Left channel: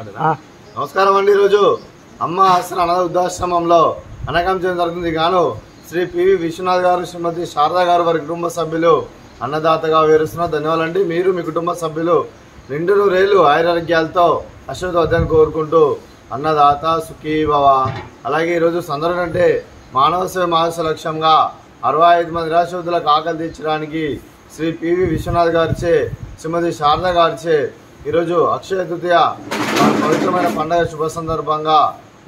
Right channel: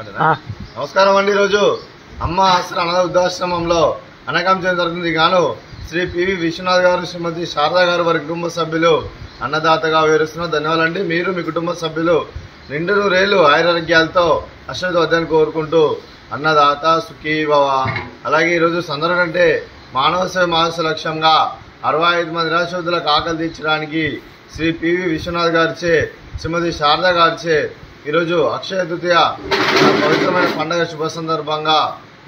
నమస్కారం అండి। ఈరోజు అమ్మ ఆసరా అనాథ వృద్ధాశ్రమంలో అనకం చేయడం జరుగుతుంది గాను శ్రీ పివి విశ్వనాథ్ గారు శ్రీమతి శారదా గారు వారి కుటుంబ సభ్యులు అన్నదాతగా వివరిస్తున్నారు। ధన్యవాదాలండి। మీరు మీ కుటుంబ సభ్యులు నిండు నూరేళ్లు ఆయురారోగ్యాలతో అశ్వత్థాన్ని కోరుకుంటూ అన్నదాత సుఖీ భవ। అలాగే ఈరోజు సందర్భం అంటే మానవ సేవ మానవ లక్ష్యంగా 65 మంది నిరాశ్రతులకు ఆకలి తీర్చడానికి శ్రీ పివి విశ్వనాథ్ గారిచే శ్రీమతి శారదా గారిచే ఈరోజు అక్షయ తృతీయ పవిత్రమైన పండుగ శుభ సందర్భంగా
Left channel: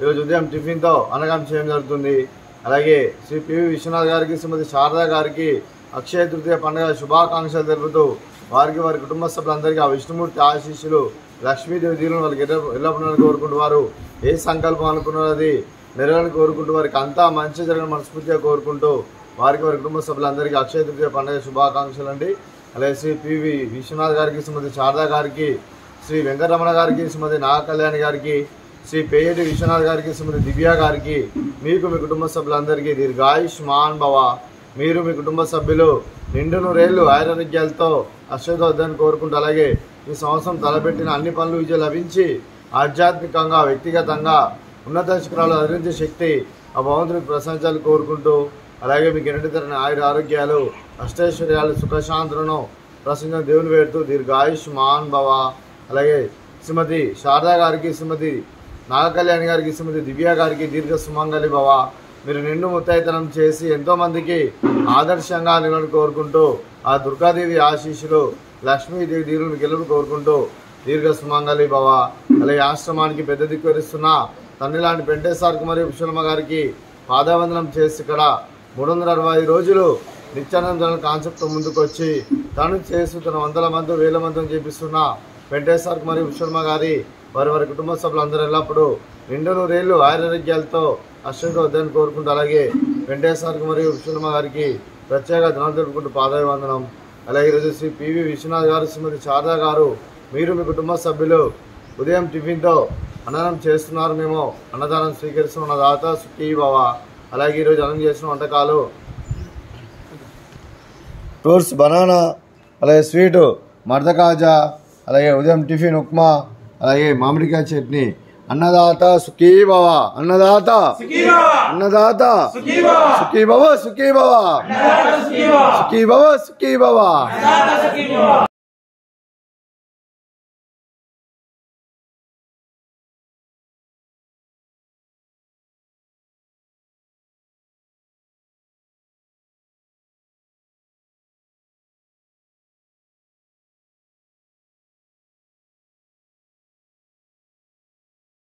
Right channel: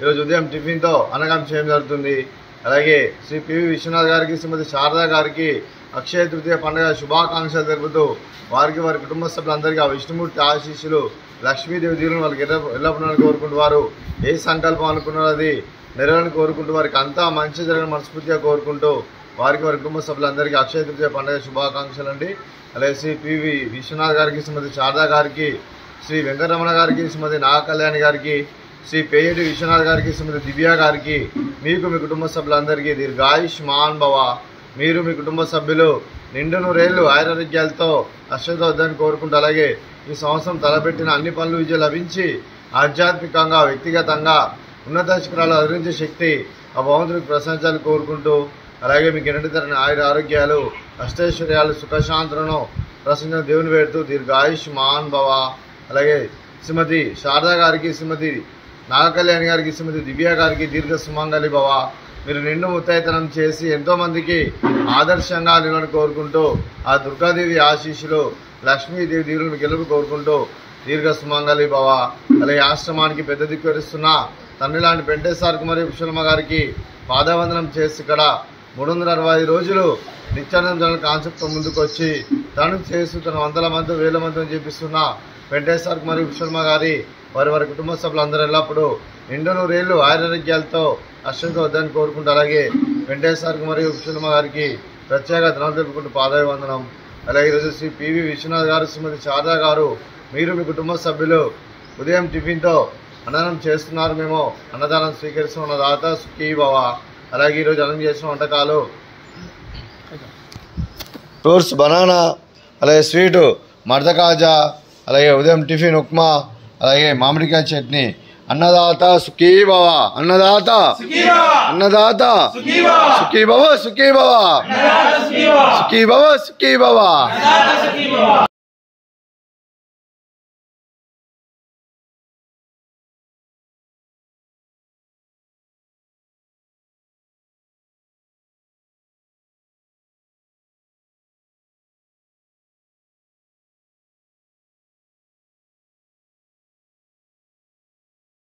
ఈరోజు ఉదయం టిఫిన్తో అన్నదానం చేయడం జరుగుతుంది। అలాగే శ్రీ పివి విశ్వనాథ్ గారికి శ్రీమతి శారదా గారికి అక్షయ తృతీయ పండుగ శుభాకాంక్షలు తెలుపుతూ వారికి వారి కుటుంబ సభ్యులందరికీ ఆ విష్ణుమూర్తి ఆశీస్సులు లక్ష్మీదేవి దీవులను వాళ్ళకి ఎల్లప్పుడూ కోరుకుంటూ వారు ఏ సంకల్పం అనుకున్నారో అది నెరవేరని కోరుకుంటూ వారికి అంతా మంచి జరిగిన మనస్ఫూర్తిగా కోరుకుంటూ వారికి వారి కుటుంబ సభ్యులందరికీ అక్షయ తృతీయ పండుగ శుభాకాంక్షలు అండి। అలాగే శ్రీ పివి విశ్వనాథ్ గారికి శ్రీమతి శారదా గారికి శ్రీ వెంకటరమణ గారికి శ్రీమతి నాగకళ్యాణి గారికి శ్రీ పేయటి విశ్వనాథ్ గారికి శ్రీమతి దివ్య గారికి మీకు మీ కుటుంబ సభ్యులందరికీ దీర్ఘాయుష్మాన్ భవ। మీరు మీ కుటుంబ సభ్యులు నిండు నూరేళ్లు ఆయురారోగ్యాలతో అశ్వత్థాన్ని కోరుకుంటూ అలాగే ఈ సంవత్సరం తలపెట్టిన అన్ని పనులు విజయం లభించి ఆధ్యాత్మికంగా వ్యక్తిగతంగా ఉన్నత శిఖరాలు అధిరించే శక్తి ఆ భగవంతుడికి ప్రశంసాలు కోరుకుంటూ అలాగే మీకు ఎన్నటి తరని ఆరోగ్యాలు అష్టైశ్వర్యాలు సుఖశాంతులను ప్రసంగ దేవుని వేడుతూ దీర్ఘాయుష్మాన్ భవ। అలాగే శ్రీమతి శారదా గారికి శ్రీమతి నాగకళ్యాణి గారికి శ్రీమతి దివ్య గారికి దీర్ఘ సుమంగళి భవ। మీరు నిండు ముత్తైతనం చేసి ఎంతోమందికి ఆదర్శంగా నిలవని కోరుకుంటూ ఆ దుర్గాదేవి ఆశీస్సులు లక్ష్మీదేవి దీవులను గెలుపు కోరుకుంటూ దీర్ఘ సుమంగళి భవ। అలాగే ఆశ్రమానికి పెద్ద దిక్కువరిస్తున్న తమిళనాడు పెంటేశ్వర మరియు విశ్వమ్మ గారికి పాదవందనం చేసి ఇక్కడ 365 రోజులు నిత్యానంద జనరల్ కాన్సెప్ట్తో ముందుకు వచ్చి తను చేస్తూ తన వందల మంది వేల మందిని చేపిస్తున్న వెంకటేశ్వర మరియు విశ్వమ్మ గారి వారి కుటుంబ సభ్యులందరూ ఎల్లప్పుడూ నిండు నూరేళ్లు ఆయురారోగ్యాలతో అశ్వత్థాన్ని కోరుకుంటూ అలాగే వెంకటేశ్వర మరియు విశ్వమ్మ గారికి ప్రత్యేక ధనం తెలుపుకుంటూ పాదాభివందనం। అలాగే ఈరోజు శ్రీ పివి విశ్వనాథ్ గారు శ్రీమతి శారదా గారు మీరు మీ కుటుంబ సభ్యులు ఉదయం టిఫిన్తో అన్నదానం చేస్తున్నారు। మేము అన్నదానం స్వీకరిస్తున్న దాత సుఖీ భవ। అలాగే ఈరోజు అన్నం చేసిన వంటకాలు ఫ్రూట్స్ బనానా అలాగే స్వీటు మర్ద కాజా అలాగే ఉదయం టిఫిన్ ఉప్మా అలాగే మామిడికాయ చట్నీ। అన్నదాత సుఖీ భవ అన్నదాత అన్నదాత సుఖీ భవ సుఖీ భవ సుఖీ భవ సుఖీ భవ।